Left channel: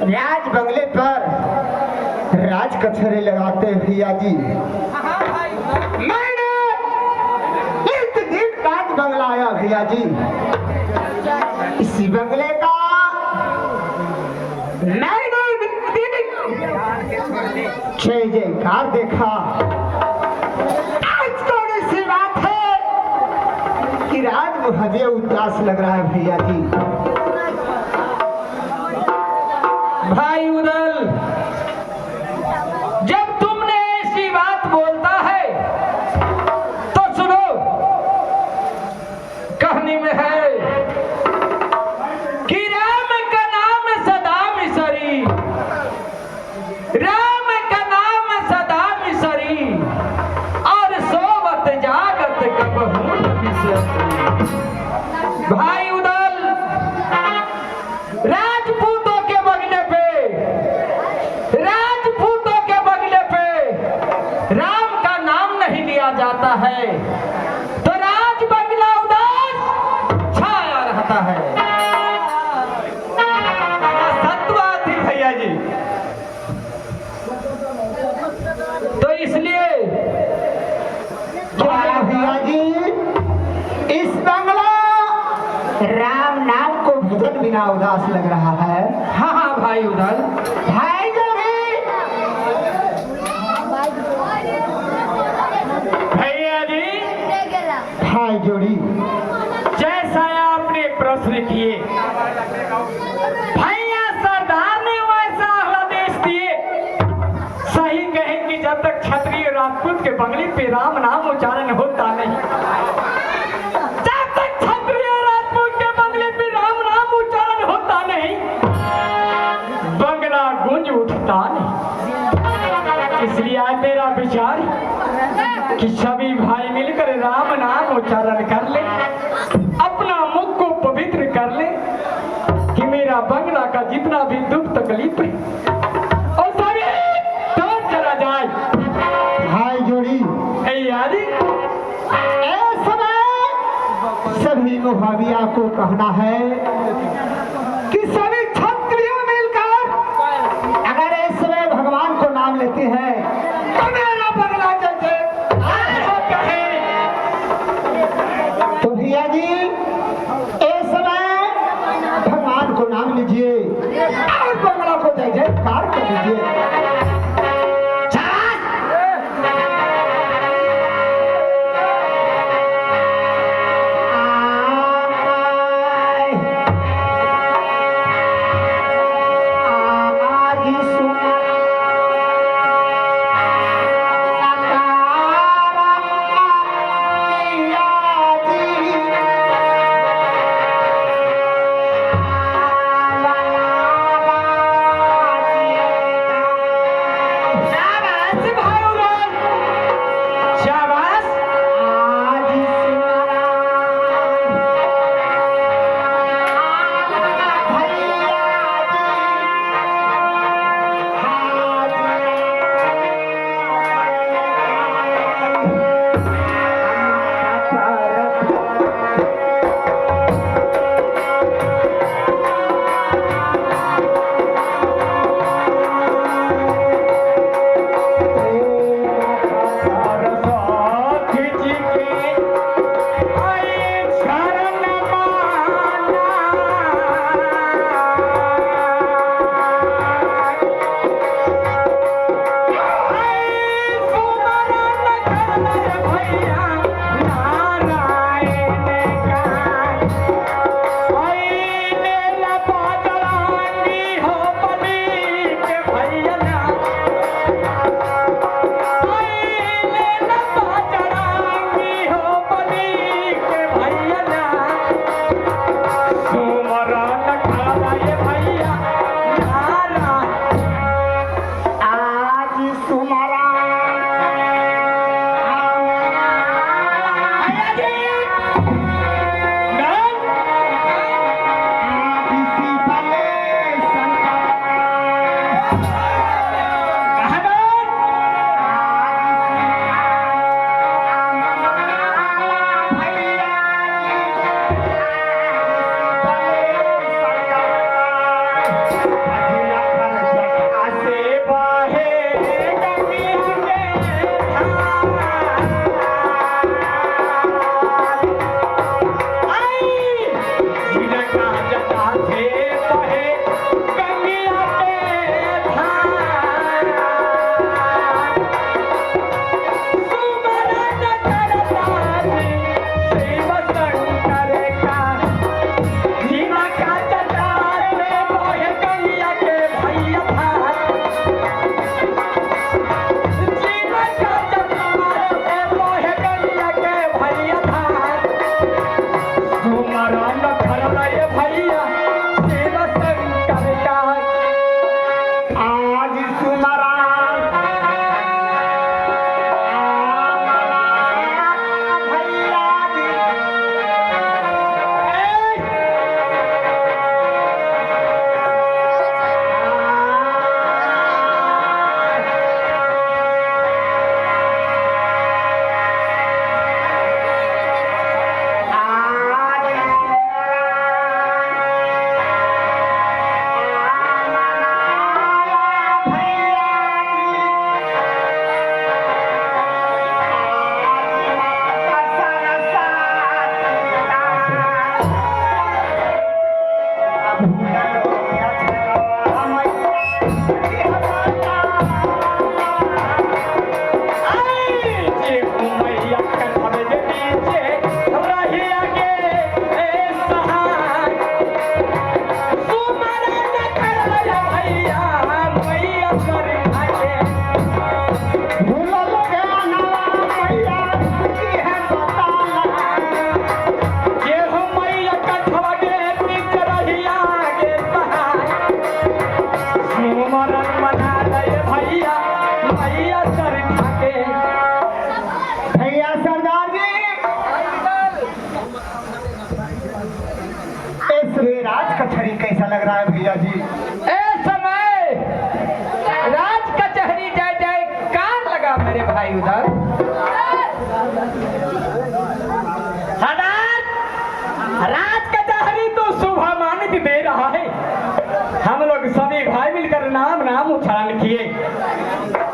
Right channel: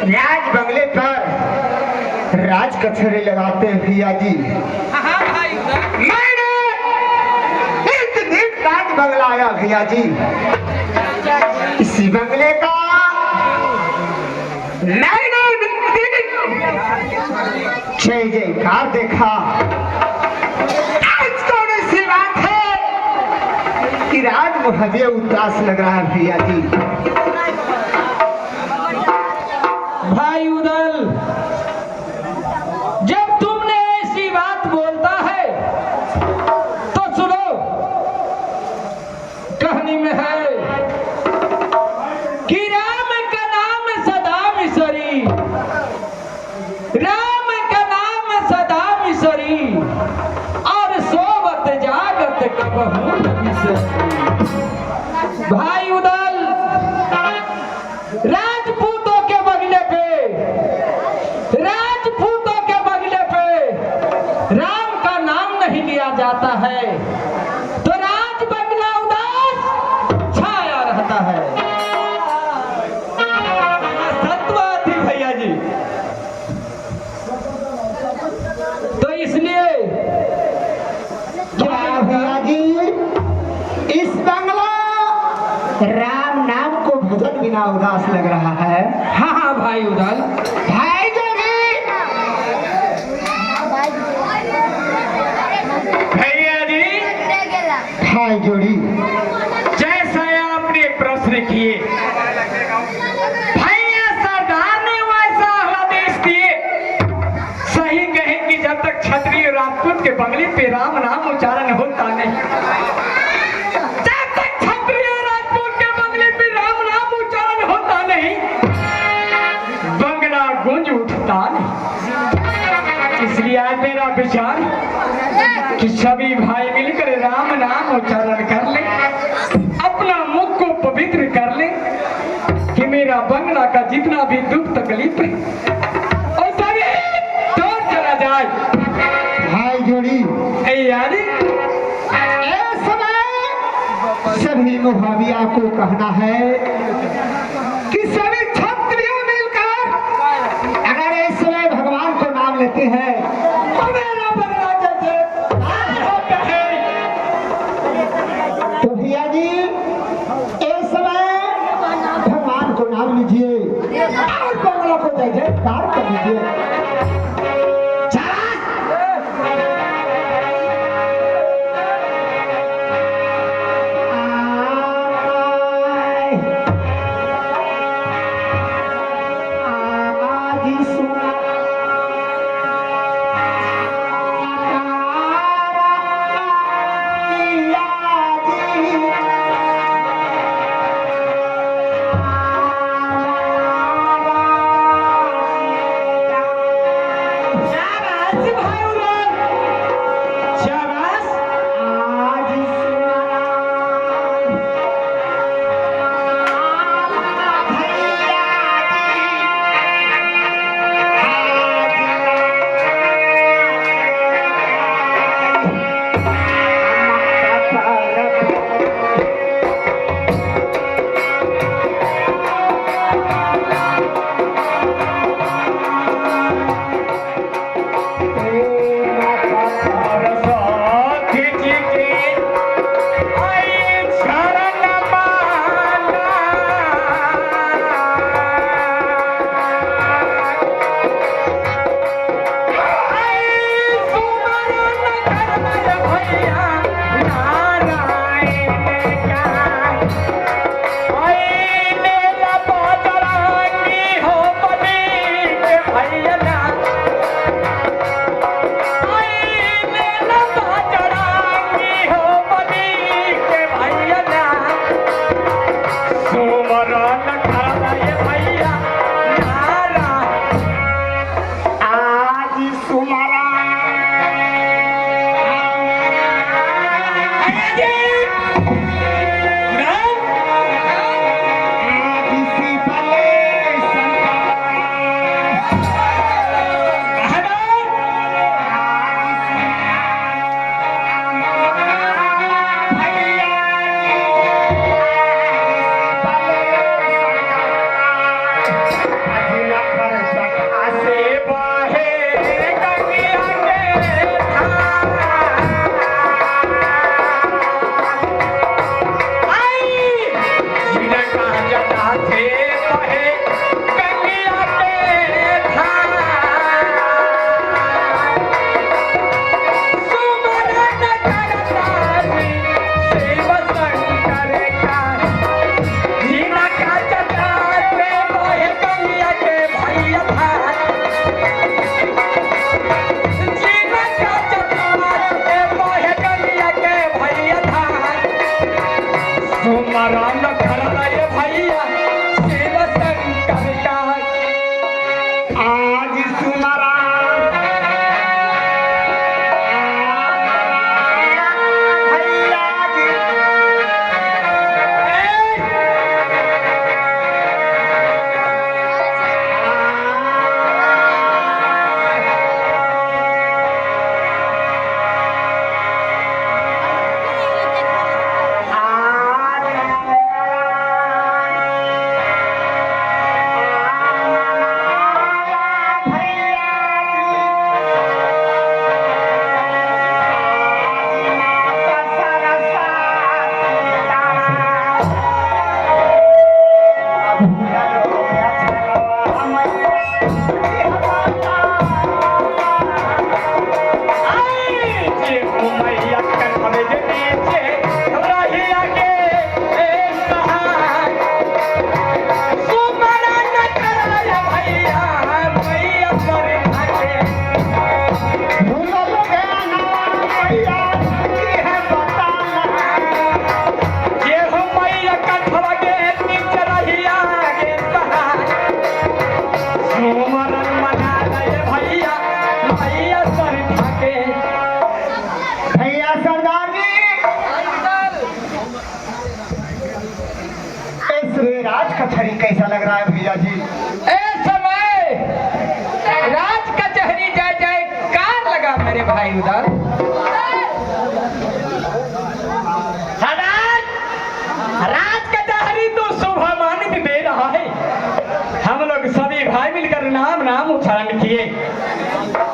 राज बंगले पर राज कचहरी लगाते भैया जी। मैंने एक दिन राज बंगला आया भैया जी। इसी बंगले का मैंने जय जयकार देखा। ऐसी बात है कि राज मुझे उदास लग रहा है भैया जी। भाई उदल, जब तुमने ऐसी बात बोलता है तो सुनो, कहानी में है कि राम का नाम सदा मिसरी, राम का नाम सदा मिसरी, और सोवत जागत कबहू न बिसरी। भाई उदल, राजपूतों के बगले पे राम का नाम नहीं लिया जाता है तो राज बंगला उदास छाया रहता है। सत्य थी भैया जी। तो इसलिए भैया जी, इस बंगला राम नाम को भजन बिना उदास लग रहा है। हाँ हाँ भाई उदल, भाई जोड़ी, भैया जी, भाई जोड़ी, जैसा आपने प्रश्न किए भैया सरदार ने वैसा आदेश दिए। सही कहे कि जब तक क्षत्रिय राजपूत के बंगले पे राम नाम उच्चारण होता नहीं, जब तक क्षत्रिय राजपूत के बंगले पे राम नाम उच्चारण होता नहीं, बंगला गूंज उठता नहीं। इसलिए आज मेरा विचार कि सभी भाई मिलकर राम नाम उच्चारण कर ले, अपना मुख को पवित्र कर ले, कि मेरा बंगला का जितना भी दुख तकलीफ है और सभी दूर चला जाए। भाई जोड़ी, याद इस समय सभी मुहाविया को कहना है कि सभी क्षत्रियों मिलकर अगर इस समय भगवान को नाम लेते हैं तो मेरा बंगला जैसे तो भैया जी इस समय भगवान को नाम लीजिए और बंगला को जय जयकार कर लीजिए। कचहरी कैसा लग रहा है भैया जी? ए समय राज कचहरी जय जय कार लगा मेरे भाई उधर। राज कचहरी तो शोभा मानित दे रहा है। हम लोग सभी भाई मिलकर नाम नाम उच्चारण किए।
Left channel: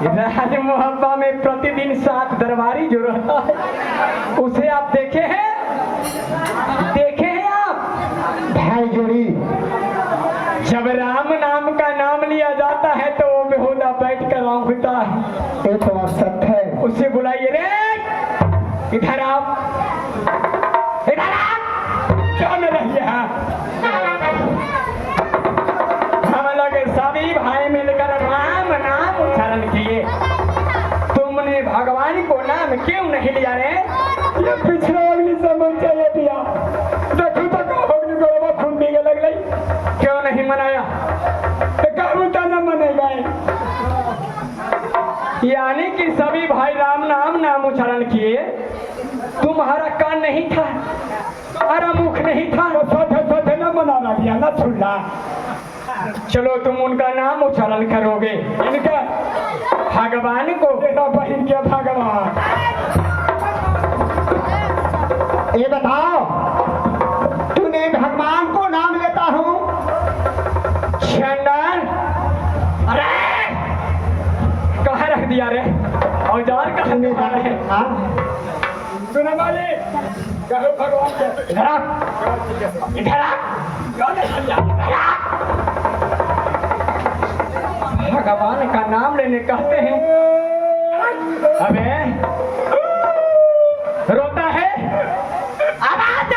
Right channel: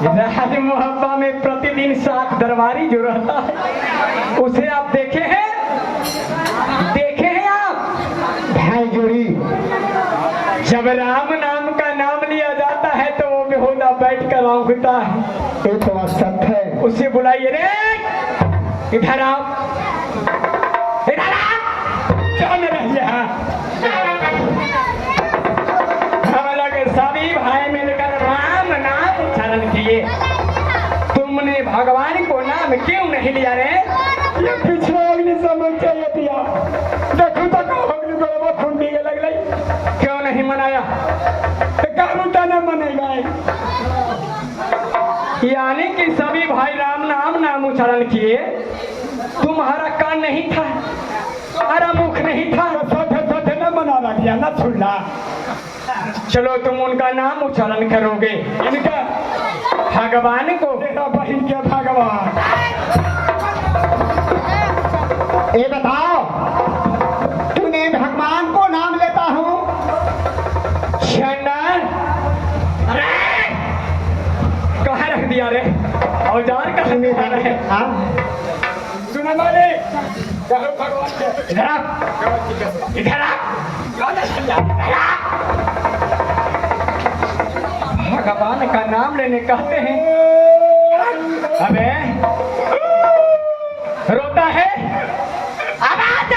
राज मोहब्बा में प्रतिदिन 7 दरबारी जो रहता है उसे आप देखे हैं आप भाई जोड़ी जब राम नाम का नाम लिया जाता है तो वो बेहुदा बैठ कर औंघता है। ये तो बात सत्य है। उसे बुलाइए रे, इधर आप, क्यों न रहिए? हम लोग सभी भाई मिलकर राम नाम उच्चारण किए। तुमने भगवान को नाम क्यों नहीं लिया रे? ये पिछड़ा अग्नि समूह चाहिए दिया। देखो तो अग्नि गोलवा खून पी के लग गई। क्यों नहीं मनाया? ना मनेगा। यानी कि सभी भाई राम नाम नाम उच्चारण किए। तुम्हारा कान नहीं था, तुम्हारा मुख नहीं था, तो न मनाना दिया न सुनना। चलो तुम उनका नाम उच्चारण करोगे। इनका भगवान को तेरा बहन के भगवान। ये बताओ तूने भगवान को नाम लेता हूँ? अरे कहाँ रख दिया रे? औजार कहाँ में जा रहे? सुना माले कहो भगवान को इधर आ, इधर आ। भगवान का नाम लेने कहते हैं। अबे रोता है? आवाज आ।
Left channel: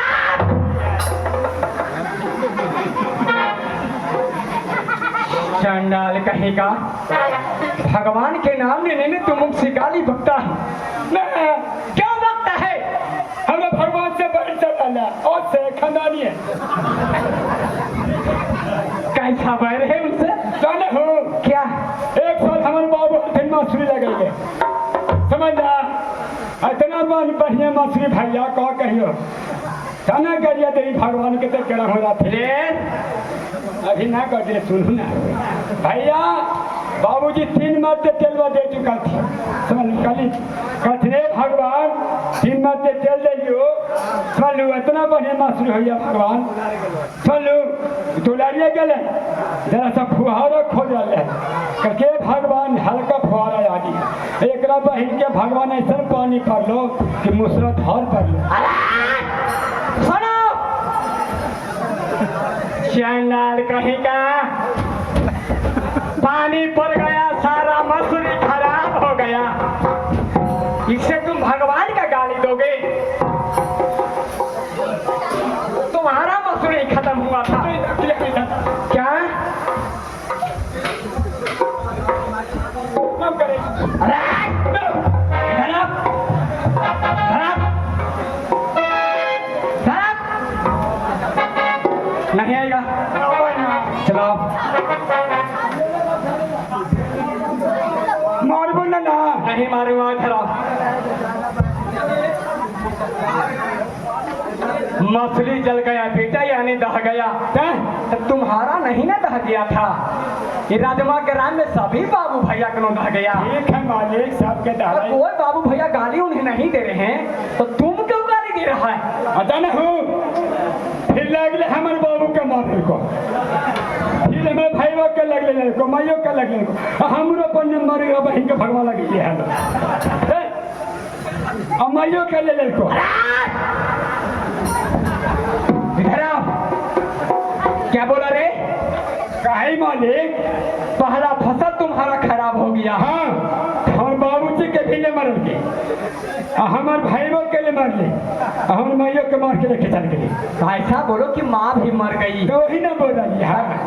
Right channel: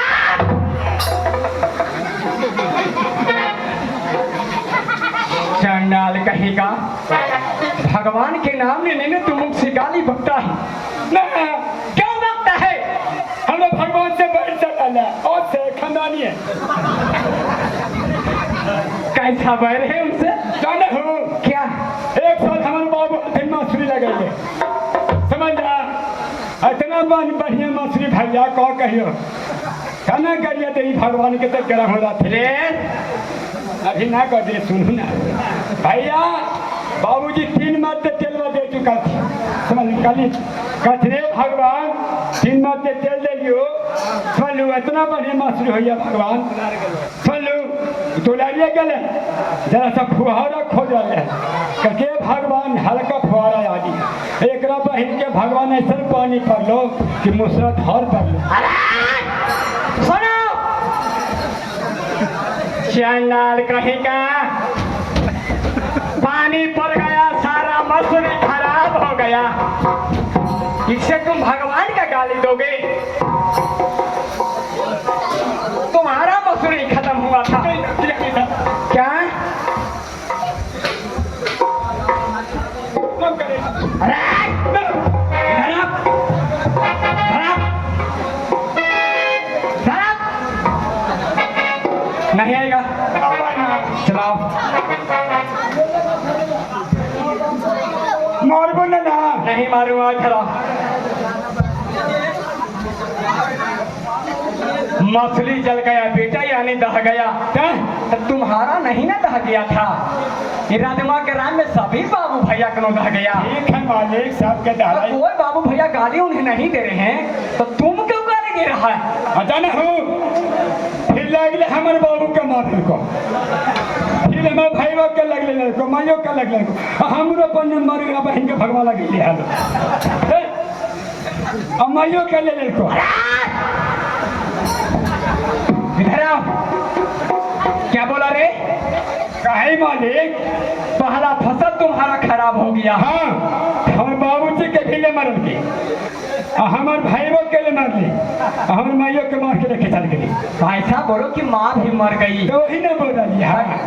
चंडाल कहेगा भगवान के नाम लेने में तुम मुझसे गाली बकता है ना? क्या बकता है? हमें भगवान से बैठ चला और से खानदानी है। कैसा बैर है उनसे? जाने हो क्या? एक साथ हमारे बाबू दिन मासूरी लगाइए, समझ जा। इतना बढ़िया मासूरी भैया कह कहियो खाना करिए तेरी भगवान के तक गर्म हो रहा थे। अभी ना कर दे, सुनू ना भैया। बाबूजी 3 मास से तेलवा दे चुका था, समझ कल कथरे भगवान 3 मास से तेल दे लियो। चलू इतना बढ़िया मासूरी भैया भगवान। चलू दुलारिया गले जरा सा फुहारा खोज रहे के भगवान हल्का फुहारा आ गया। एक बहन के भगवान ऐसा पानी पर लो कि मुसरधार पर लो। सुनो चंडाल कहीं का पानी पड़ गया, सारा मछली खराब हो गया। इससे तुम भगवान का गाली दोगे? तुम्हारा मछली खत्म हुआ था क्या? नहीं आएगा, चलाओ। मार बोलना ना। नहीं मारूंगा, चलाओ। मछली जल गया बेटा, यानी दह गया। तब तुम्हारा नहीं ना दह गया था, ये राजमा के राम में सभी बाबू भैया को दह गया। एक है मालिक साहब के डाला। कोई बाबू भैया गाली उन्हें नहीं दे रहे हैं, तो तुम क्यों गाली दे रहा है? आता ना हो फिर लग हमारे बाबू का मारने को, फिर हमारे भाई बाप के लग लेने को, माइयों का लग लेने को, हमरो पन्नन मारेगा बहन के भगवा लगे ये हाल अब माइयों के ले ले को। इधर आओ। क्या बोला रे? काहे मालिक? पहला फसल तुम्हारा खराब हो गया। हाँ, हम बाबूजी के भी ले मर गए, हमारे भाइयों के लिए मार ली, हमारे माइयों के मार के लेके चल गई। ऐसा बोलो कि माँ भी मर गई। तो वही ना बोला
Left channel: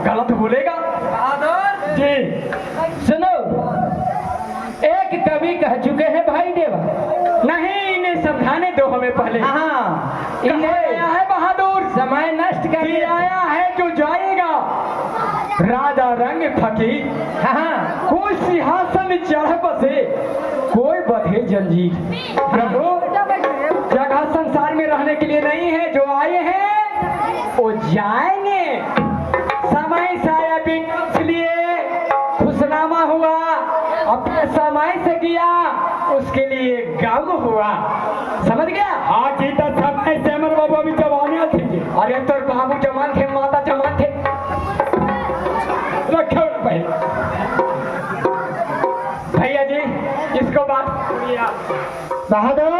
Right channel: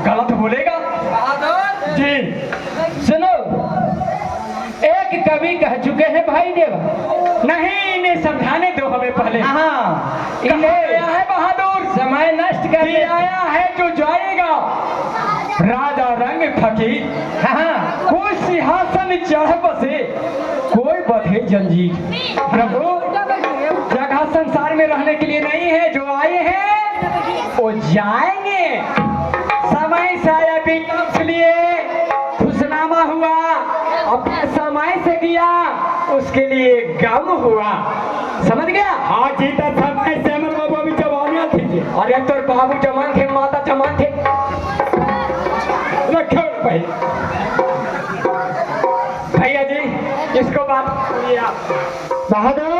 गलत बोलेगा जी। सुनो, एक कवि कह चुके हैं भाई देव। नहीं, इन्हें समझाने दो हमें पहले। हाँ, इन्हें आया है बहादुर, समय नष्ट कर ये आया है जो जाएगा। राजा रंग फकीर, हाँ, कोई सिंहासन चढ़ बसे, कोई बधे जंजीर। प्रभु, जगह संसार में रहने के लिए नहीं है, जो आए हैं वो जाएंगे। समय से आया बेटा, इसलिए खुशनामा हुआ, अपने समय से किया, उसके लिए गम हुआ। समझ गया? हाँ जी, तो समय से हमारे बाबू अभी जवानियाँ थी। अरे तो बाबू जवान थे, माता जवान थे। रखो भाई भैया जी, इसको बात बहादुर,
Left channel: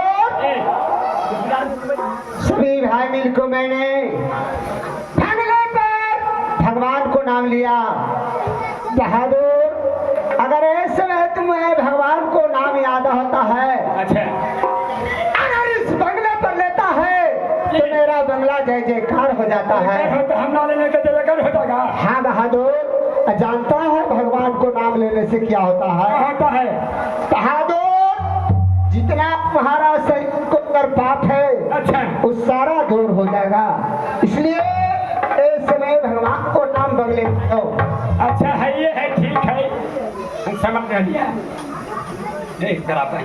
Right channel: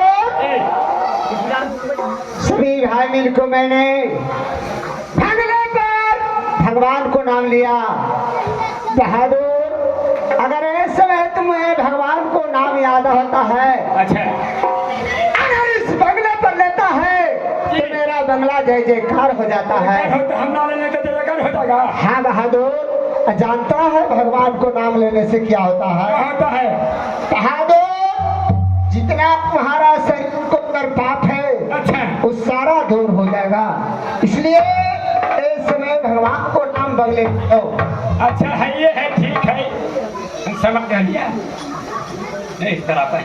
सभी भाई मिल को मैंने भगले पर भगवान को नाम लिया। बहादुर, अगर इस समय तुम्हें भगवान को नाम याद होता है, अच्छा, अगर इस बंगले पर लेता है तो मेरा बंगला जय जयकार हो जाता है। हम लेने का जयकार हो जाएगा। हाँ बहादुर, जानता है भगवान को नाम लेने से क्या होता है? होता है बहादुर, जितना तुम्हारा शरीर को अंदर पाप है, अच्छा, वो सारा दूर हो जाएगा। इसलिए इस समय भगवान को नाम बदले दो। अच्छा है, ये है, ठीक है, हम समझ लिया। इस तरह पर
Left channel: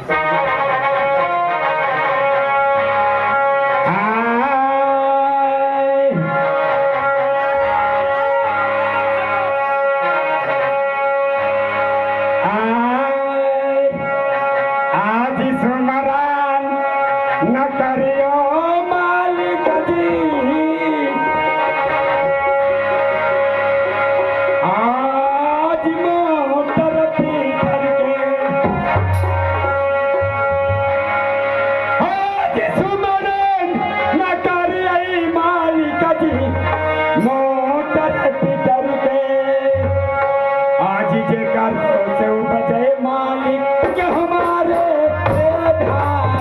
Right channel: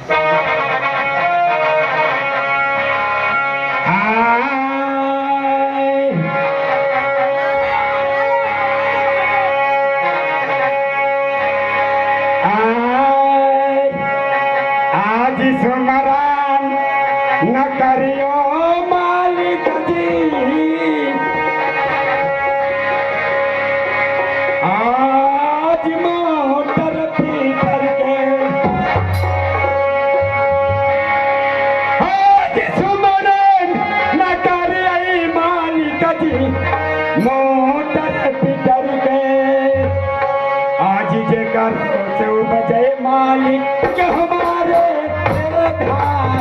आज सुमरन न करियो मालिक जी, आज मोटर पीटर के, आज सुमरन न करियो मालिक जी, मोटर पीटर के, आज जे कर से बचे मालिक के हमारे धाम।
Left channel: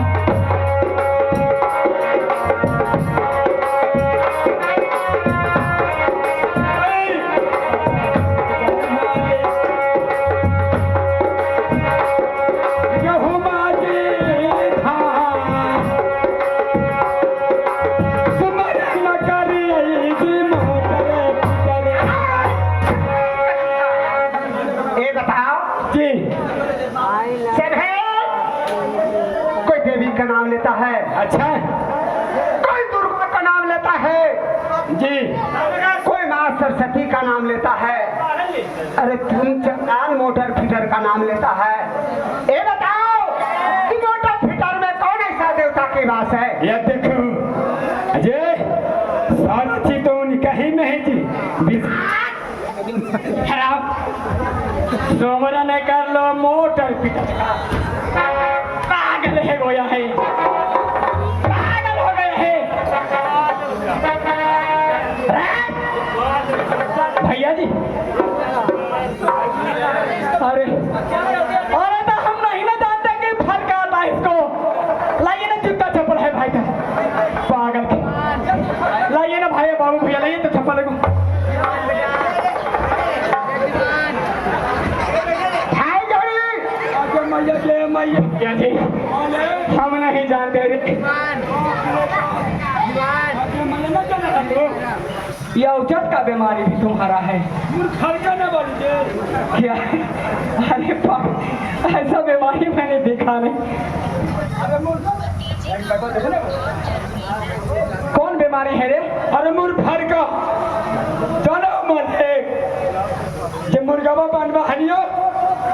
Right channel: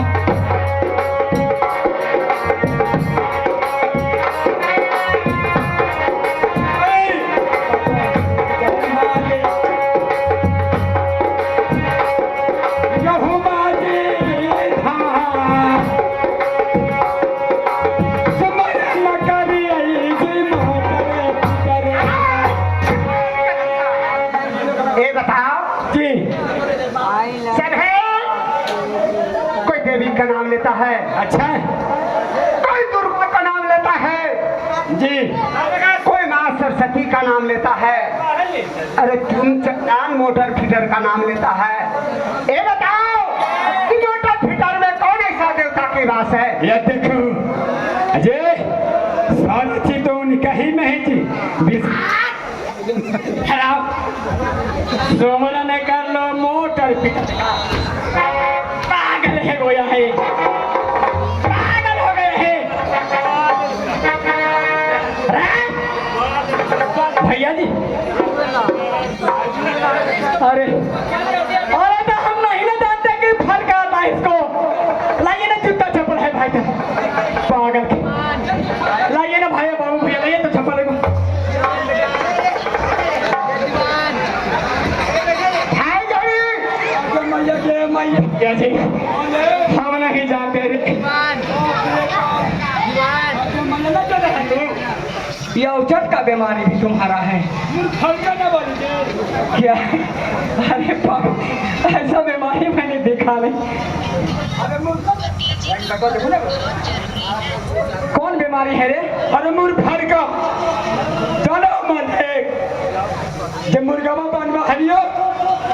ये बताओ जी, सब है, कोई देवी का नाम लेता है, अच्छा कोई दुर्गा का नाम लेता है, जी, कोई माँ सरस्वती का नाम लेता है, अरे तुम चट्टान मोटर फीडर का नाम लेता है। ये बताओ कि मोटर फीडर में कौन ऐसा देवता की वास है? ये देखो अजय, सारी चीज तो उनका ही में है जी। खराब सोमरा ने कर लो मोटर पिकअप का। पागल है गोया है, पागल हो गए हैं। जी अरे अरे तो हम नहीं ना जानते कि फर्क आता है इसको। लाइए ना जूता चप्पल है भाई तक पागल के। लाइए ना भाई बाबू भैया लाइए तो चप्पल को। क्या जी हम नहीं जानते। यह उचट का बीमारी भी तुम्हारा है क्या? अरे ऐसा बीमारी मैंने देखा नहीं। कौन बीमारी है रे? अरे मूर्खर का चलो मन एक जे मुर्गावा बनवा हनियो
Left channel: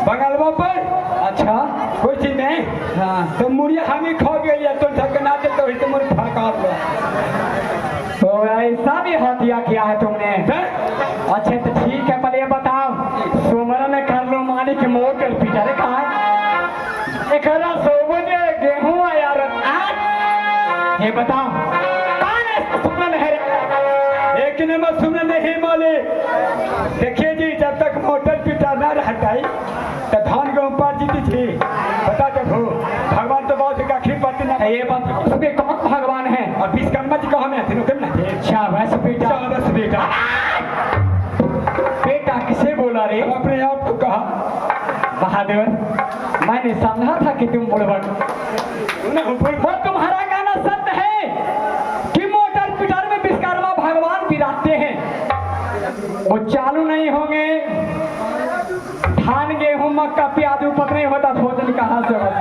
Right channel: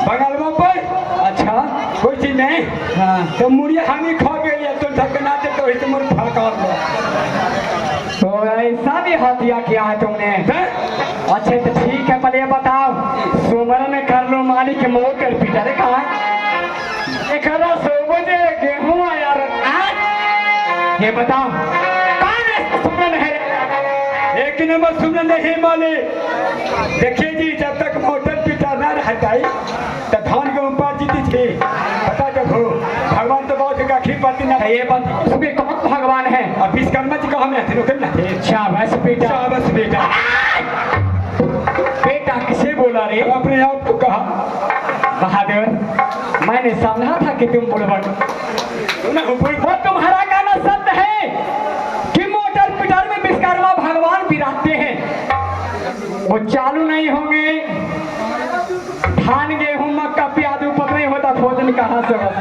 बंगालवा पर। अच्छा कोई चीज नहीं। हाँ तो मुड़िया हमी खा गई है तो धक्कना दे तो इसे मुर्ख फड़का लो। तो ऐसा भी हत्या किया है तुमने? अच्छा तो ठीक है पहले बताओ सोमवार में कर लो मालिक मोटर पीटा रे कहा एक 100 बजे गेहूं आया ये बताओ कौन है सुमन है? एक नंबर सुनने नहीं माले। देखिए जी जब तक मोटर पिटा ना हटाई तो धान गेहूं पार जीती थी पता जब हो भगवान तो बहुत गाखी पाती ना। ये बात उसमें कौन भगवान है? और विश्वकर्मा जी कहा में थे ना थे। शाबाश बेटा शाबाश बेटा। बेटा किसे बोला रे? अपने आप को कहा। बहादुर मैंने समझा था कि तुम बुड़बक वो तुम्हारा कहना सत्य है कि मोटर पिटार में विश्वकर्मा भगवान विराजते हैं। वो चालू नहीं होंगे धान गेहूं मक्का प्याज ऊपर नहीं होता भोजन कहाँ से होता?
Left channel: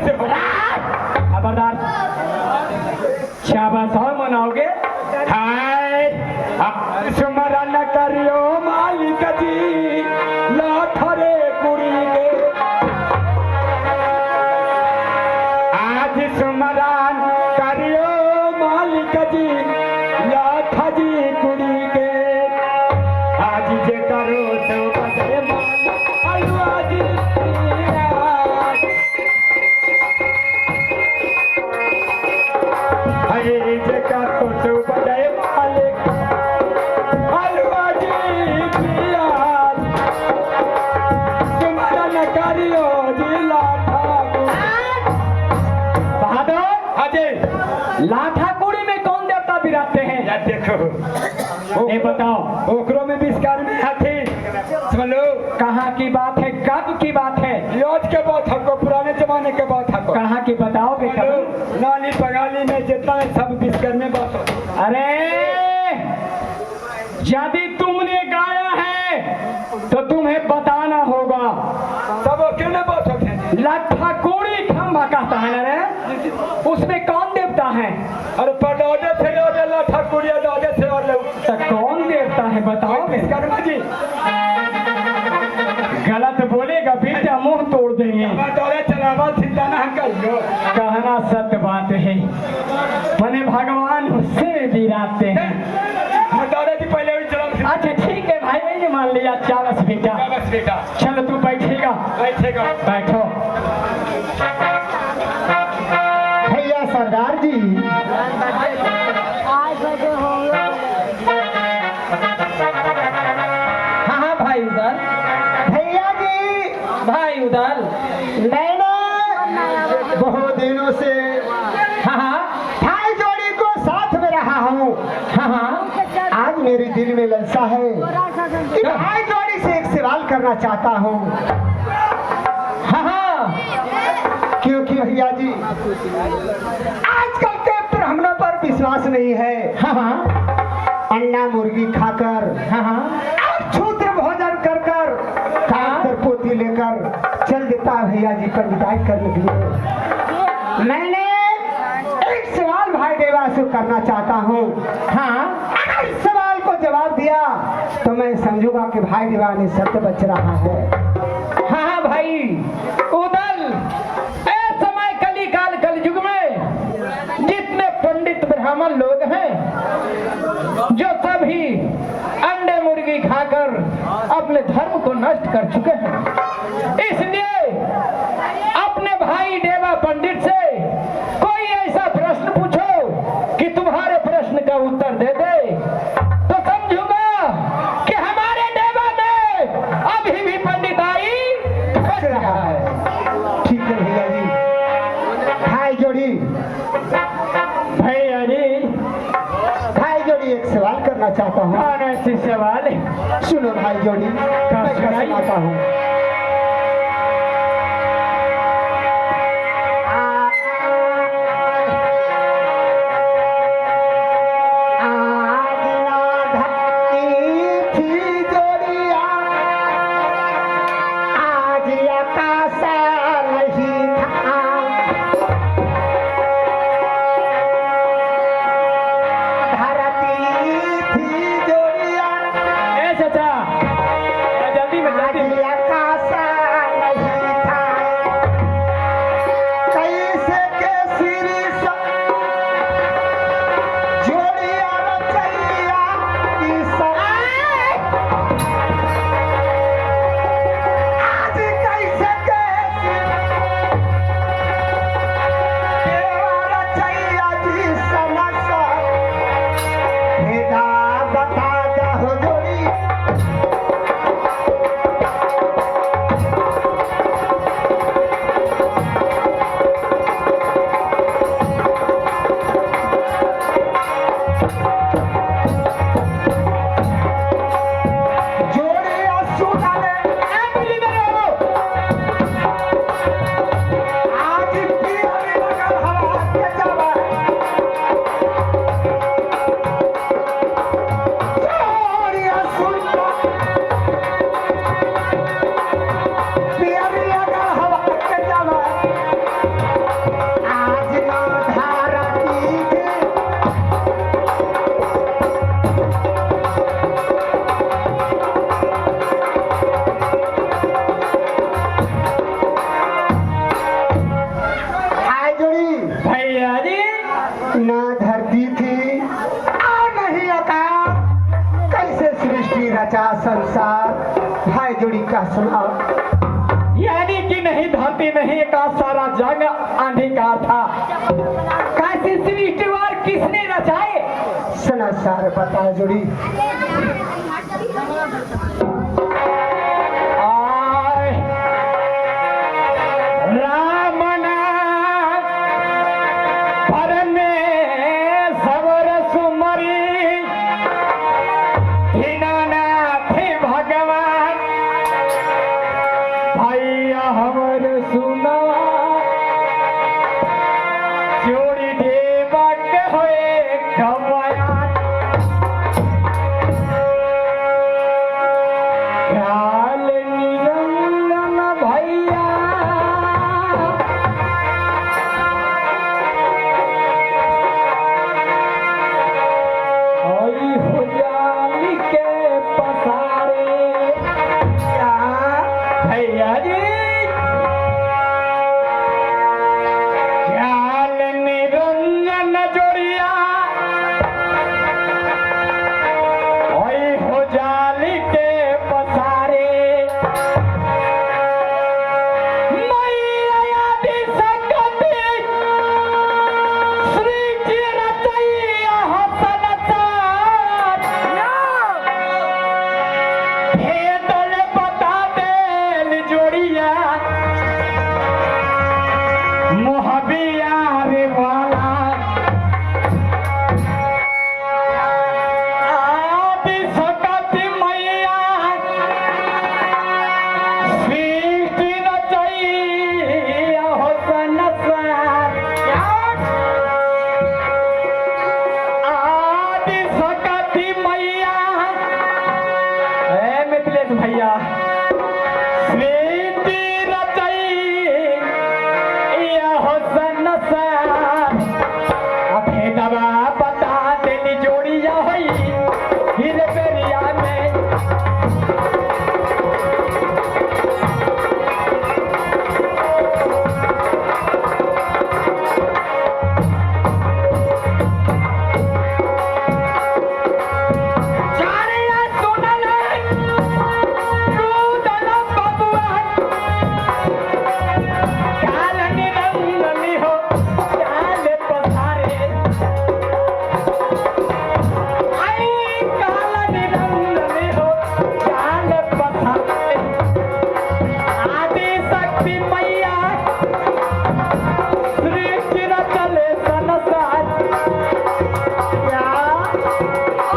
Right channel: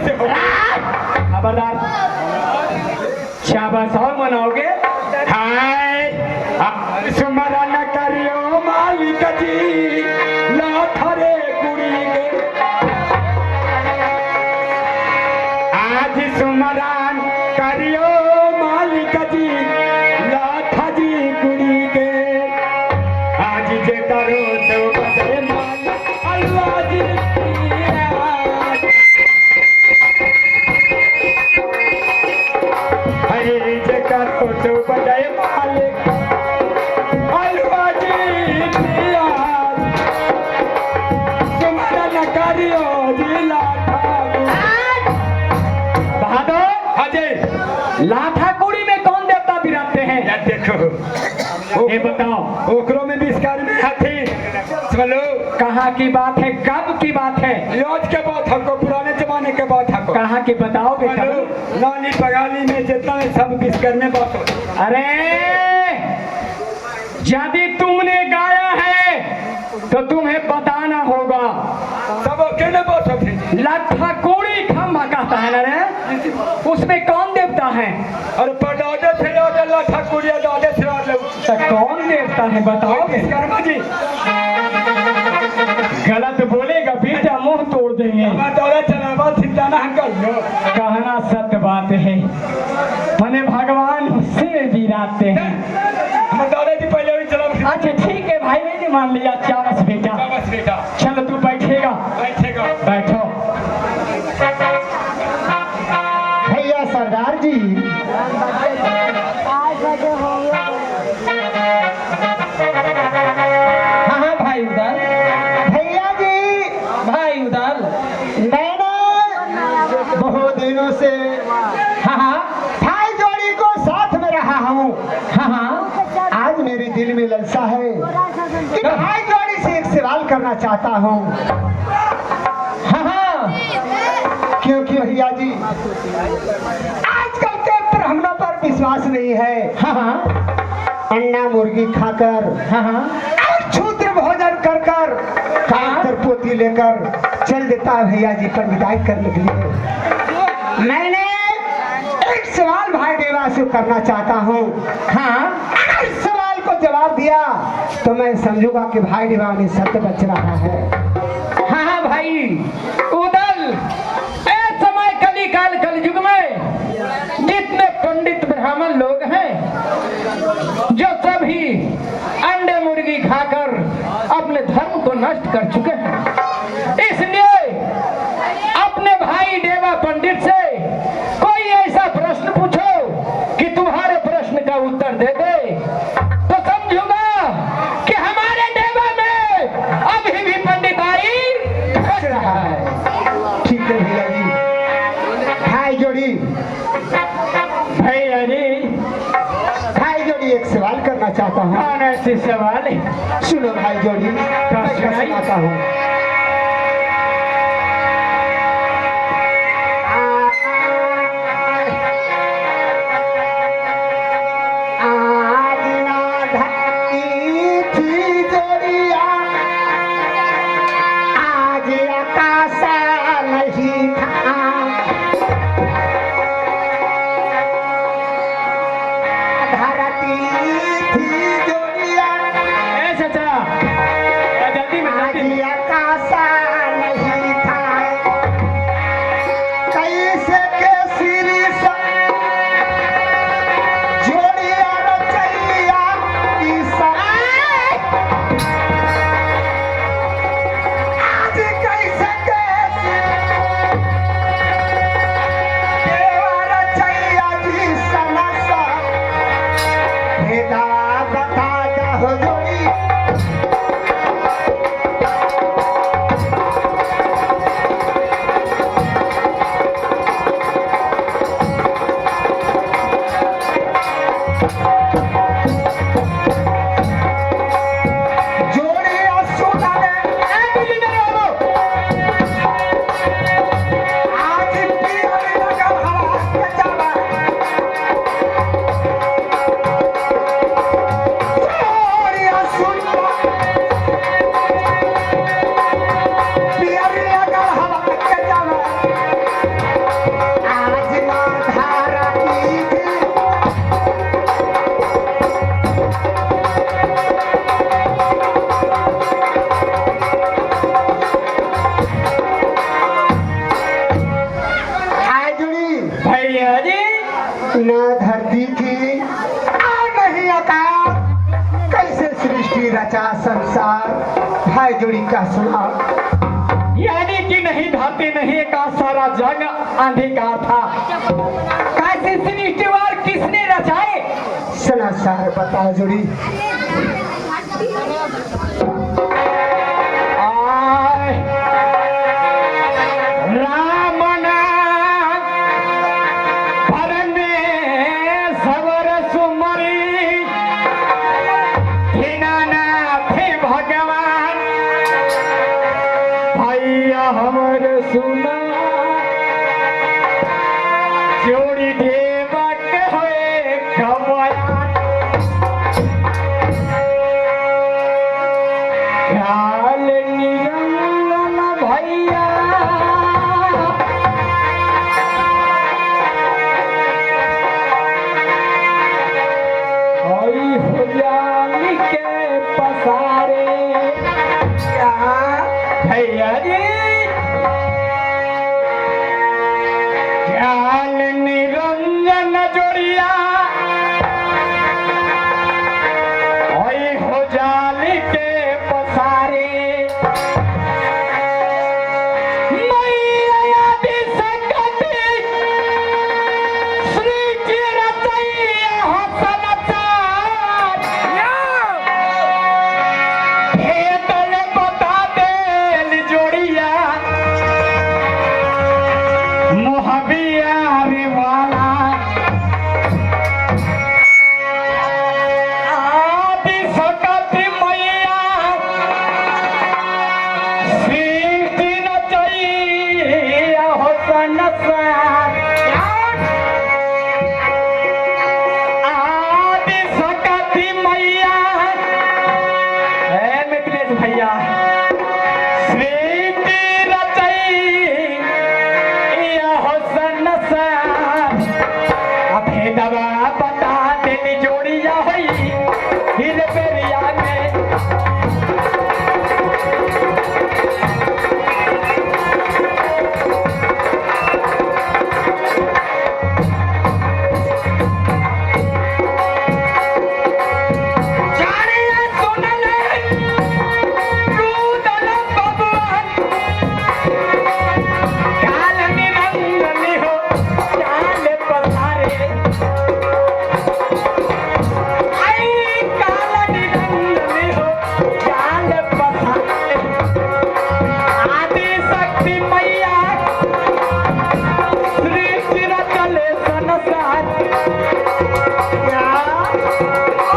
से खबरदार शाबाश और मनाओगे? हाय सुमरा न करियो मालिक जी लाथरे कुड़ी के आज सुमरान करियो मालिक जी लाथा जी कुड़ी के आज जे करो तो बदे मालिक अल्लाह जी जे करो तो बदे मालिक अल्लाह जी तुम्हारा न करियो जी लाथा। बहादुर हाजी लाठा कुड़ी में कौन देवता विराजते हैं? यार देखो ये बताओ ओकरों में विस्कार में हाथी चलो कहाँ की बात है कब की बात है? आज के बात हमको पुराने जमाने के बात हमको कहाँ की बताओ बेटा। नानी बगाली में जितना है सब विस्कार में बात हो। अरे यदि तुमने गाया है तो तुम्हें बताना होगा। सब अकेले बात होते लाठा कोड़ी खम्भा कहता है ना रे उसमें कौन देवता है? अरे पटाजे थे याद लाठा कुड़िया दादे थे याद तो कौन देवता है बताओ? विश्वकर्मा जी गलत बोलेगा बेटा मुंह तोड़ देंगे। दादा चलावा ठिकाना हम कहियो कहना सत्य बात है मैंने भगवान से विराजते हैं। हम दादा जी पहले भी चला। अच्छा ठीक है भाई मैंने मान लिया। चावस बेटा बस बेटा चलो तू बैठेगा बैठेगा बैठो। भैया सरदार जी हाँ भाई उधर भैया जी भाई उधर मैंने बहुत दिनों से हाँ भाई जोड़ी को साथ में रहा हूँ। हाँ आज मेरे दिल में ललसा है कि भाई जोड़ी से एक सवाल करना चाहता हूँ। हाँ क्योंकि भैया जी आजकल के ब्राह्मणों पर विश्वास नहीं है। हाँ अंडा मुर्गी खाकर हाँ और क्षुद्र भोजन कर कर खाकर पोती लेकर चल देता है भैया जी पर विदाई करने के लिए। मैंने एक सवाल भाई देवा से करना चाहता हूँ। हाँ अगर सवाल को जवाब दिया तो मैं समझूंगा कि भाई देवा ने सत्य बच रहा है। हाँ भाई उदल इस समय कली काल कलयुग में जितने पंडित ब्राह्मण लोग हैं जो सभी अंडे मुर्गी खाकर अपने धर्म को नष्ट कर चुके हैं। इसलिए अपने भाई देवा पंडित से कोई ऐसा प्रश्न पूछो कि तुम्हारे प्रश्न का उत्तर दे दे तो समझूंगा एक सवाल करना चाहता हूँ। कौन ऐसी सवाल है? सुनो भाई जोड़ी, मैं सुनाइए। सुनाता हूँ। आज ना धरती थी जोड़िया, आज आकाश नहीं था। धरती थी जोड़िया, ए चाचा, जल्दी में आज जल्दी में। आकाश नहीं था। कैसे के सिरी सा जोड़िया रचैया की सराय। आज कैसे के देवा रचैया जी सनसा। भेदा बता दहो जोड़ी, जोड़िया सुनाने आज पियर लगल हवा के जावा। जोड़िया सुना पियर लगल हवा के जावा। आज ना धारा की हाय जोड़ी, भैया जी, न धरती थी और नहीं आकाश। कैसे सृष्टि रचा संसार। भाई जोड़ी का सुनाओ। यानी कि नहीं धरती नहीं का सारा जग अंधकार था। कैसे सृष्टिवार किसने रचाए? सुना सार बताओ जोड़ी। आय, राम नाम परमेश्वर सुमरी, दीनानाथ भगवान। भैया हमर सुना, जोड़ी देवक होए कमयान। ख्याल निरंजन भैया, हरि हो जान के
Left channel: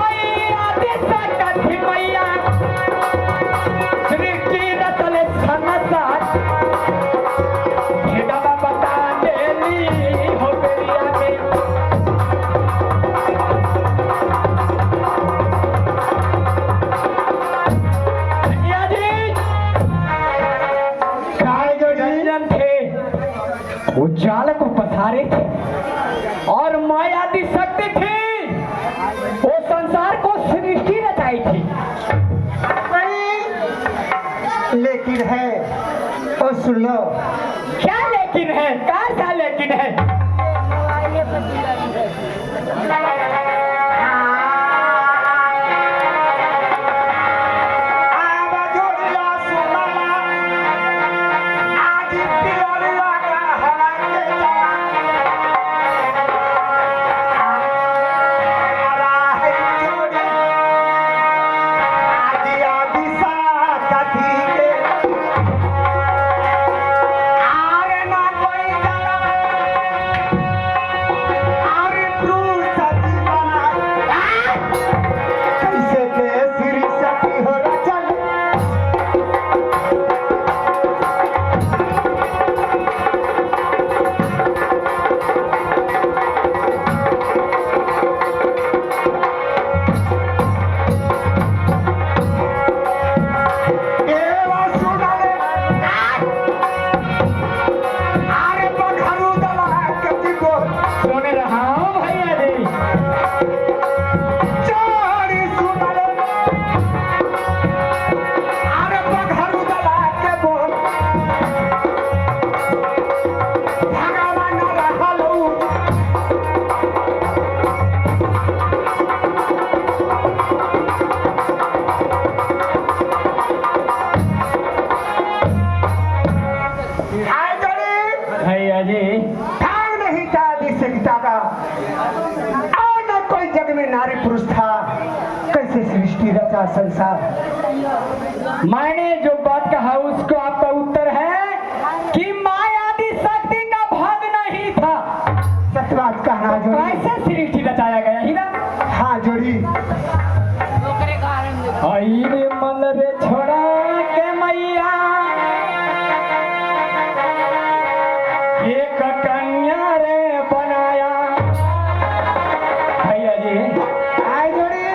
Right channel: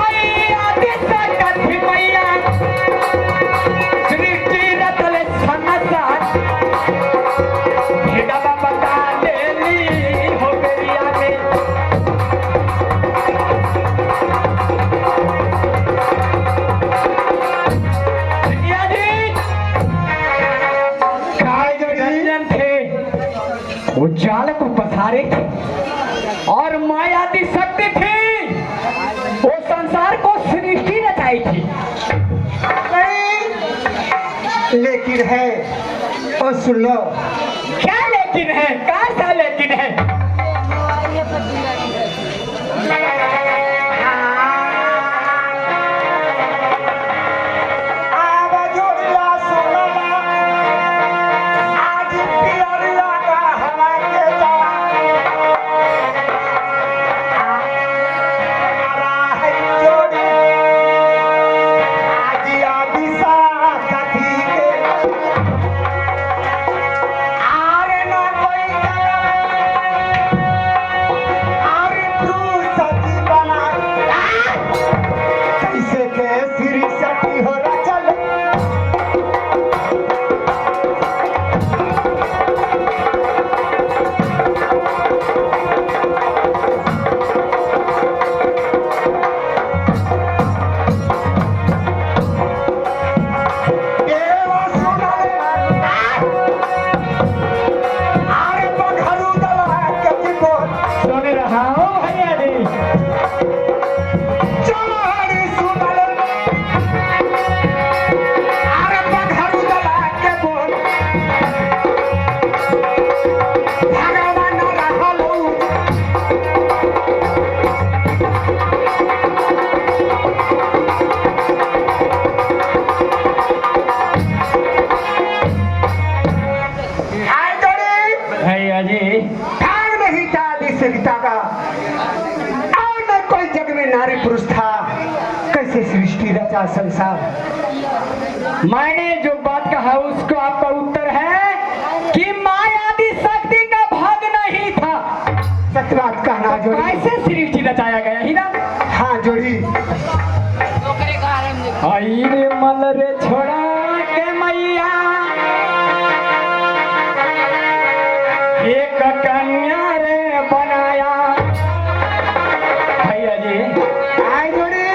आई आदि सकति मैया सृष्टि रचल संसार भेदवा बता देली हो बेरिया में वो जाल को पसारे थे और माया आदि शक्ति थी वो संसार को सृष्टि रचाई थी। लेकिन है और सुन लो क्या लेकिन है, कौन सा लेकिन है? नारी पुरुष था, कैसे सृष्टि रचा संसार। मैंने जो बात कहा उसको आपका उत्तर है कि माया आदि शक्ति का भाग नहीं था। सच बात कहना जोड़ी। कैसे सृष्टि रचाया गया ही ना? हाँ जोड़ी। आई रे मन रे छोड़ा के मैया एक कन्या रे बनाया। भैया जी आई जोड़ी।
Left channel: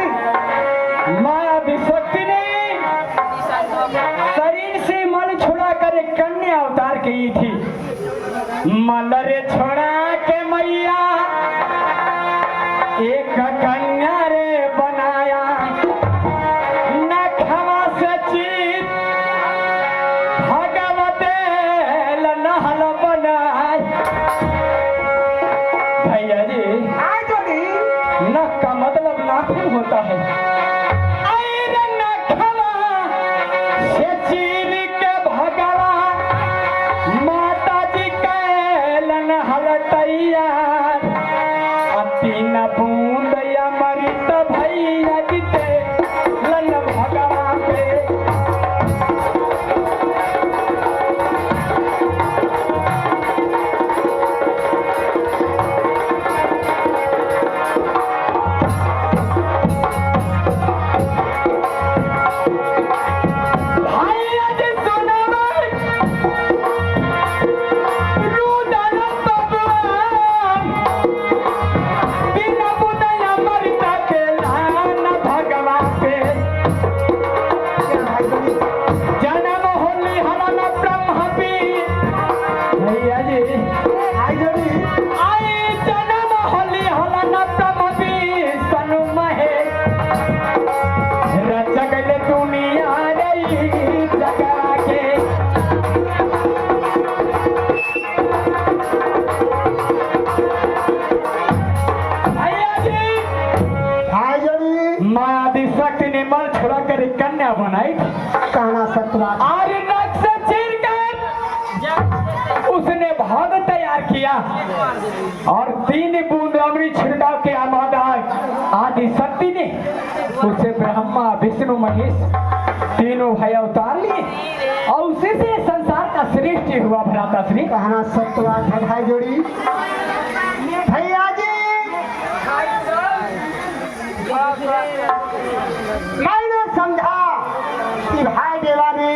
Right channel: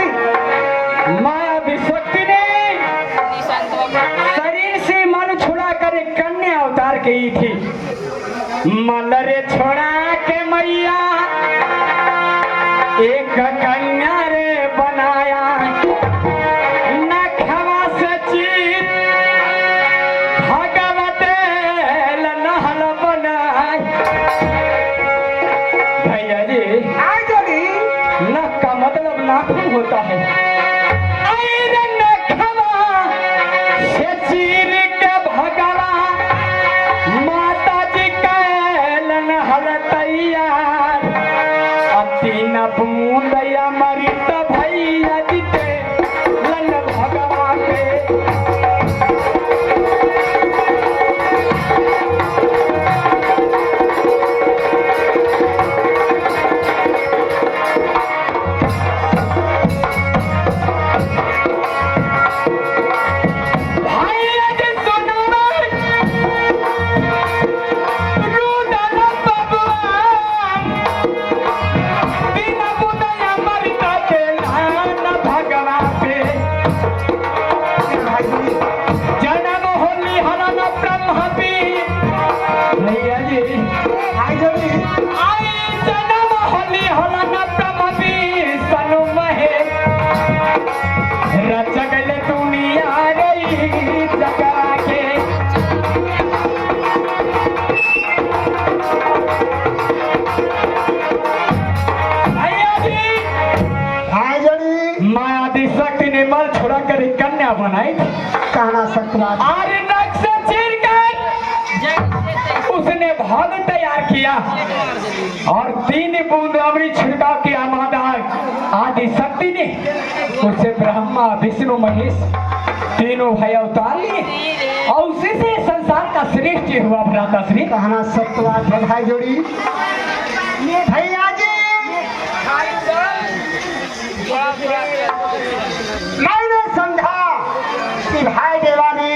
माया शक्ति ने शरीर से मन छुड़ा कर एक कन्या अवतार की थी। मन रे छोड़ा के मैया एक कन्या रे बनाया। नखवा से चित भगवते लनहल बनाय। भैया जी आई जोड़ी। नख का मतलब नाखून होता है। अरे नखवा से चीर के भगवा माता जी के लनहल तैयार। तीन बूंद अमृत भैया जीते लन भगवा पे। भैया जी सुनो रुदन भगवान तीन बूंद अमृत के लन भगवा पे। जन्म होली हलन ब्रह्म भी। भैया जी आई जोड़ी। आई जन्म होली हलन ब्रह्म भी सनु महे रचगल दुनिया रही जगरा के। भैया जी आई जोड़ी। माया आदि शक्ति ने मल छोड़ा कर एक कन्या बनाई। कहना सत्य बात। और नक्शा चीर कर उसने भाग तैयार किया और 3 बूंद अमृत छिड़काव किया। माता आदि शक्ति ने उससे ब्रह्मा विष्णु महेश तीनों भाई अवतार लिए और उसी से संसार का सृष्टि हुआ। भ्राता श्री कहना सत्य बात है भाई जोड़ी। भैया जी मैंने समझा कि भाई देवा ने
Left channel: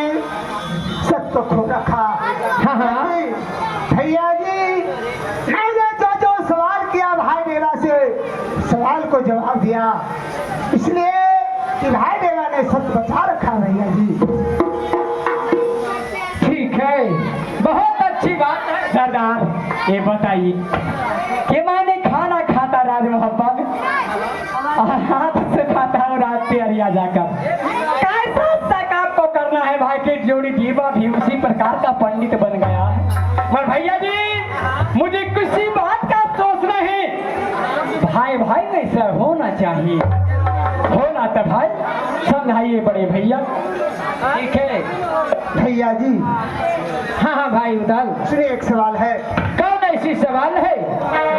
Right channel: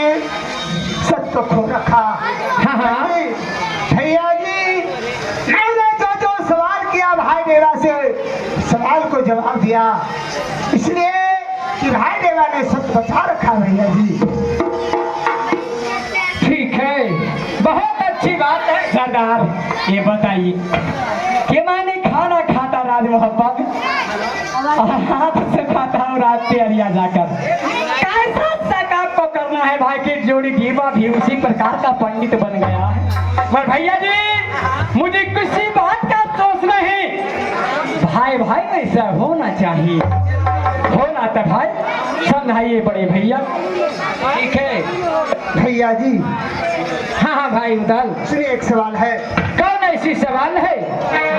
सच को खो रखा। हाँ हाँ भैया जी, मैंने जो सवाल किया भाई देवा से, सवाल को जवाब दिया, इसलिए कि भाई देवा ने सच बचा रखा। भैया जी ठीक है, बहुत अच्छी बात है सरदार। ये बताइए कि मैंने खाना खाता राज मोहब्बत और हाथ से खाता हूँ रात प्यारिया जाकर। कैसा तक आपको करना है भाई की जोड़ी जीवा भी उसी प्रकार का पंडित बन गया है। पर भैया जी मुझे किसी बात का अफसोस नहीं, भाई भाई में ऐसा होना चाहिए, होना तो भाई समझाइए बड़े भैया। ठीक है भैया जी। हाँ हाँ भाई उदल, सुनिए एक सवाल है। कौन ऐसी सवाल है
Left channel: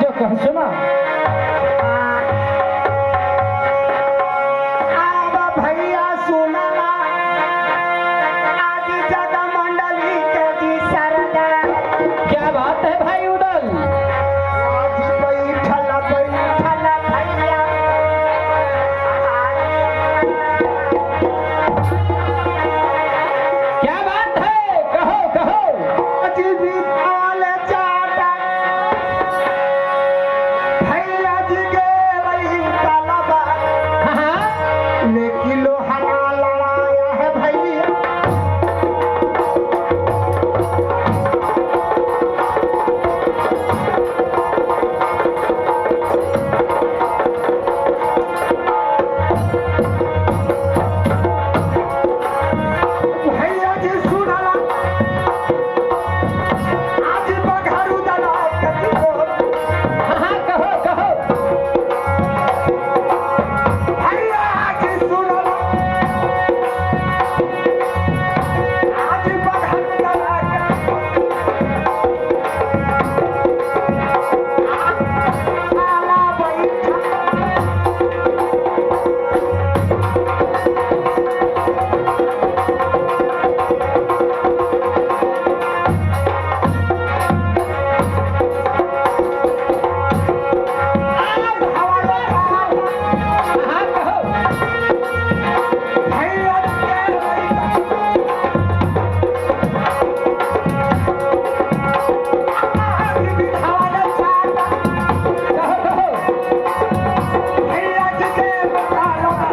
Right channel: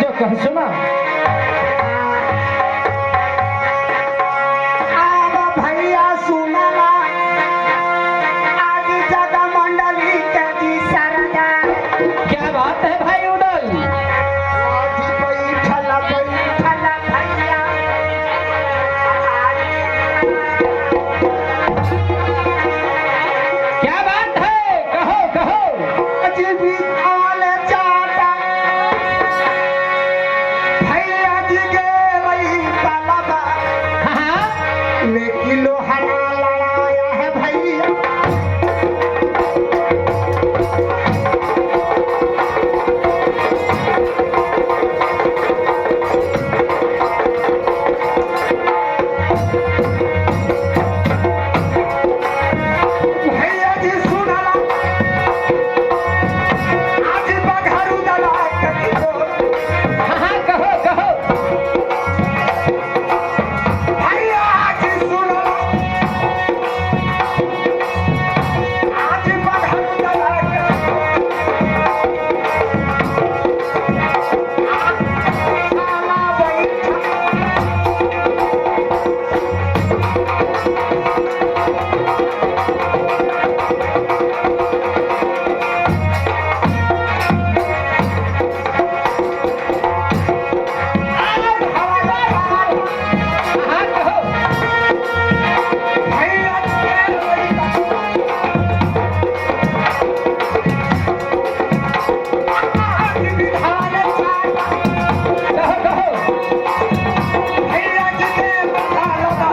जो कह सुना। भैया सुना आज जगा मंडली के जी सरदा। क्या बात है भाई उदल। बैठल बैठल भैया क्या बात है, कहो कहो। आज भी आल चाटा भैया जी के वही तलबा हाँ में किलो हना लड़ाया है भैया। भैया जी सुनला आज बघारू दला के किलो। हाँ कहो कहो। भैया आज सुनला आज बघारू दला के आला बैठा आज हवादार हाँ कहो। भैया जी के वही आज विधान चाटा कहो कहो। भैया जी के बखालवा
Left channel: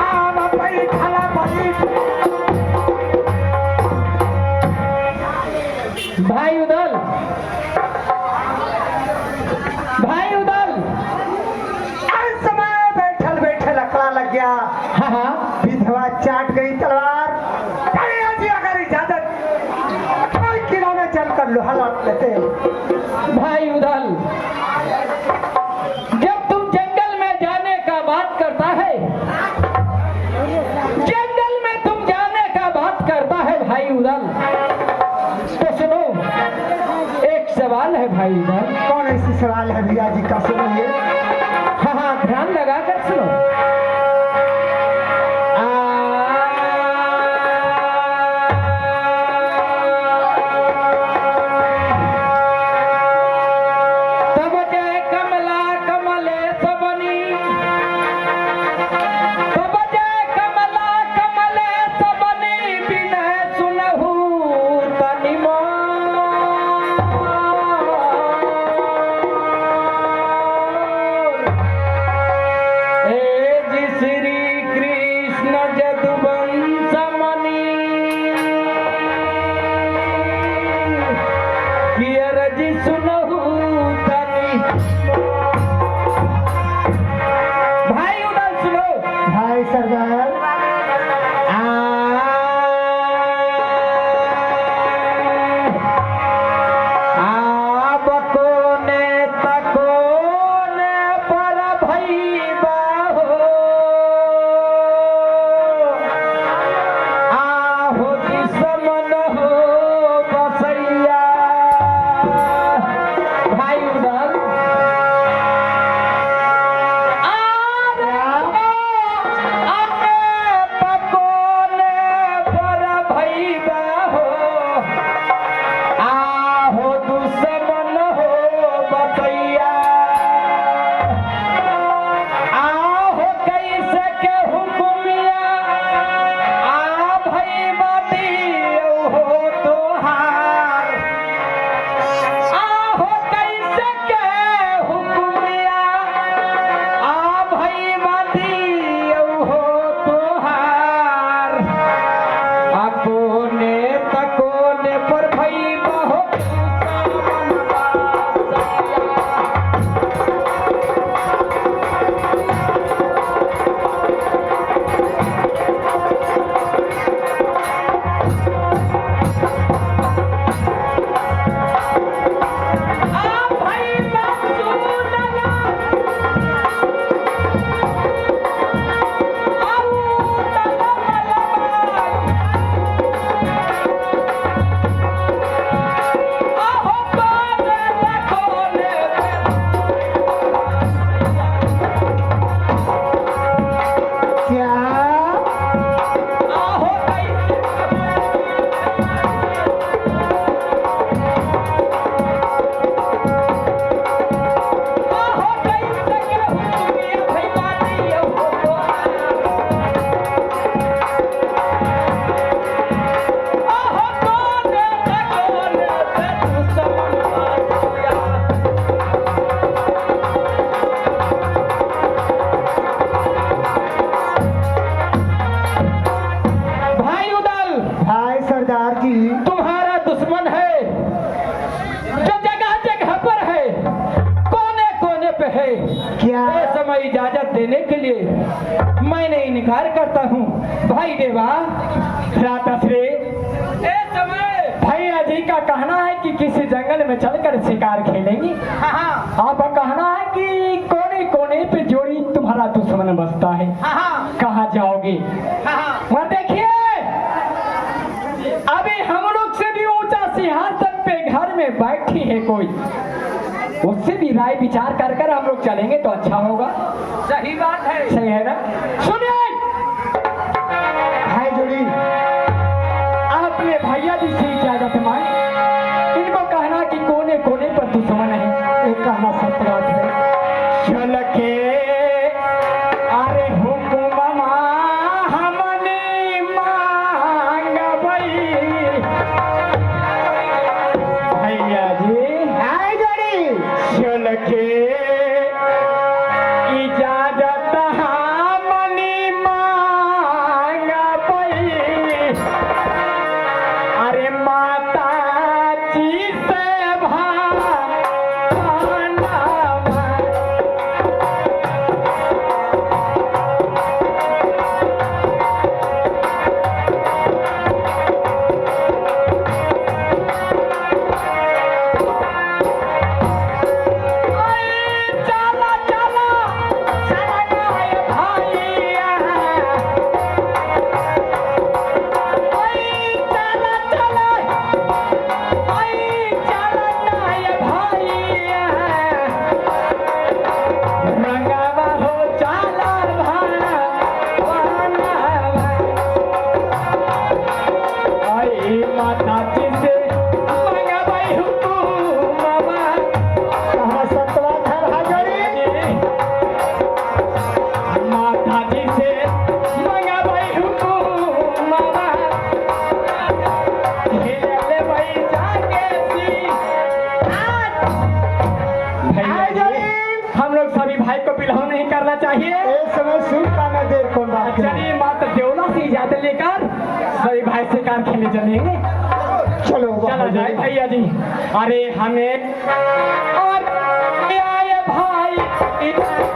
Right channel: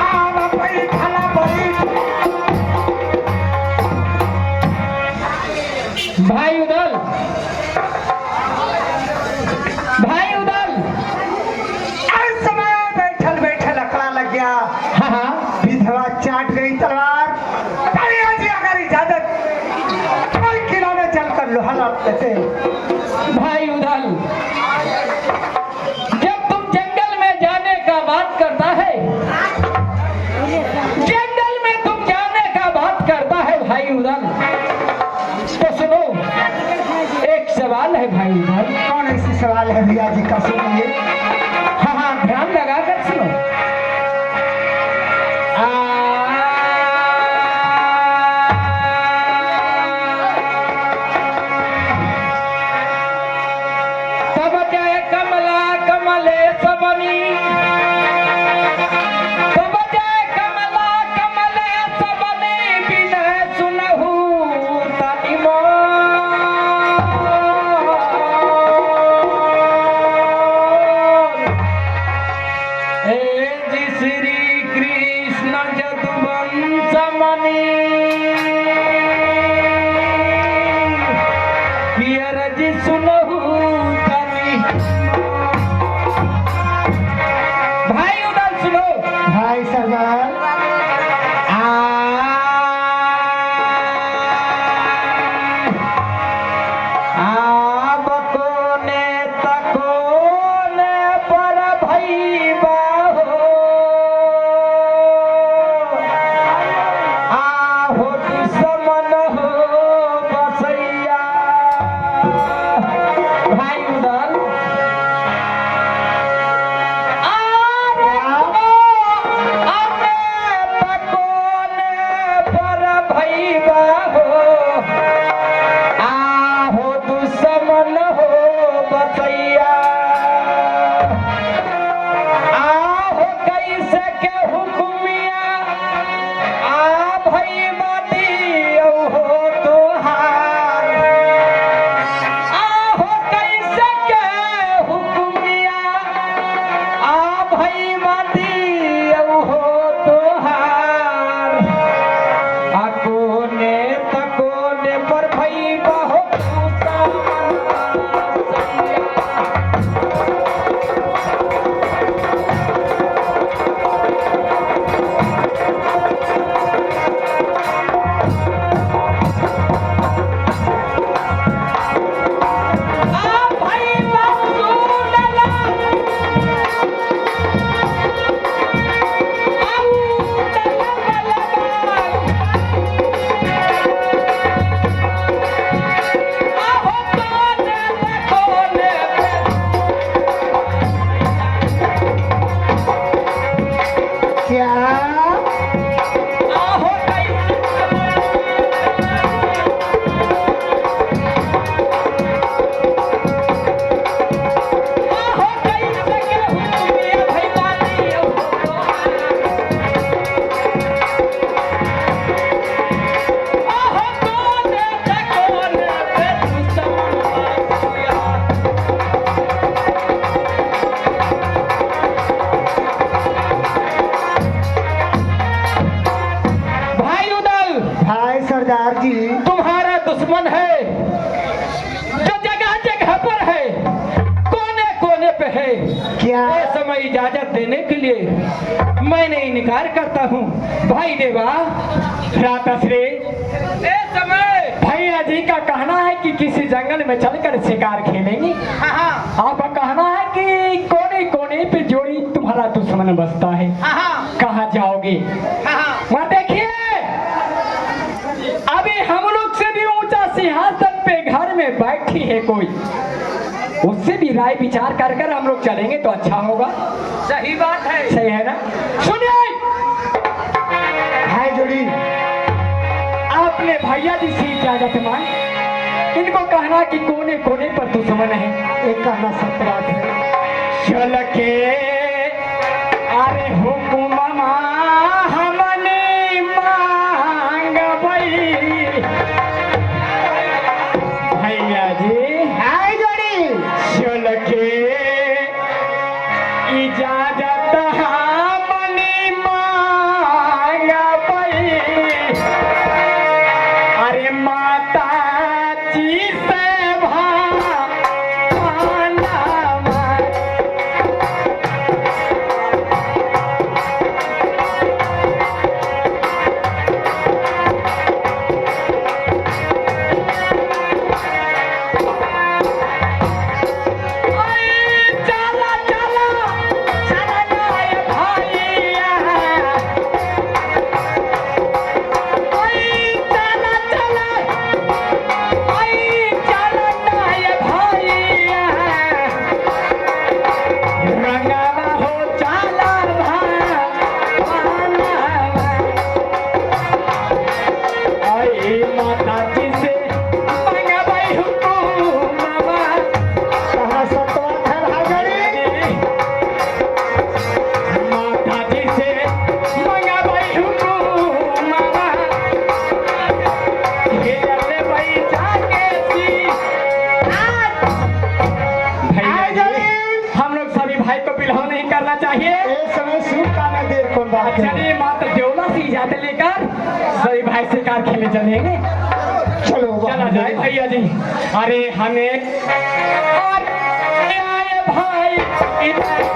आव बैठल बैठ। भाई उदल, भाई उदल। इस समय बैठल बैठल अकड़ा लग गया। हाँ हाँ विधवा चाट गई तलवार। भैया जी अगर इजाजत कोई किनारे चलकर लोहा लौट लेते। भाई उदल, जब तुम जंगल में जाने का बात करता है, जंगल में तुम जाने का बात करता है भाई उदल, तो सुनो एक सवाल है भाई उदल। कौन ऐसी सवाल है भैया जी का, सुनिए। हाँ हाँ ध्यान लगा कर सुनो। तब जय कमला कमले सबनी, तब जय कमला कमले सबनी, बिनय सुनहु तनि मोर। जमींदार जी तुम्हारा दुश्मन है जो जगह जगह पर है, कोने कोने पे है। क्या? ये समय इजाजत देने के लिए मैंने इनकार करता हूँ। भाई देवा भ्राताश्री, ये समय भैया जी का कहना है कि किसी जंगल में चलकर शिकार खेलेंगे। आपका कहना है कि कोने कोने पे जोड़ी तुम्हारा दुश्मन बसता है। कहाँ जाओगे? वहाँ देखिए, अभी हम लोग से भी ऊंचा सिंहासन पे घर में बैठी है कोई, उससे भी राय विचार कर कर हम लोग चलेंगे तो अच्छा होगा। सही बात है, सही है ना? सुनिए भाई जोड़ी, आपने भैया जी से इजाजत मांग, इनको कहना कि कोने कोने पर दुश्मन है। एक कहना सत्य बात है। चल के अरे हुकुम हमने मांग भैया जी, भाई जोड़ी, चल के इजाजत हमने मांग अरे माता जी से भाना चाहिए। इस समय सूट का न देर कौन बात है। चलिए माता देवला से इजाजत लेकर सभी भाई शिकार खेले चलेंगे। चलो चला जाए भैया जी। अरे हमें और आए भाई इधर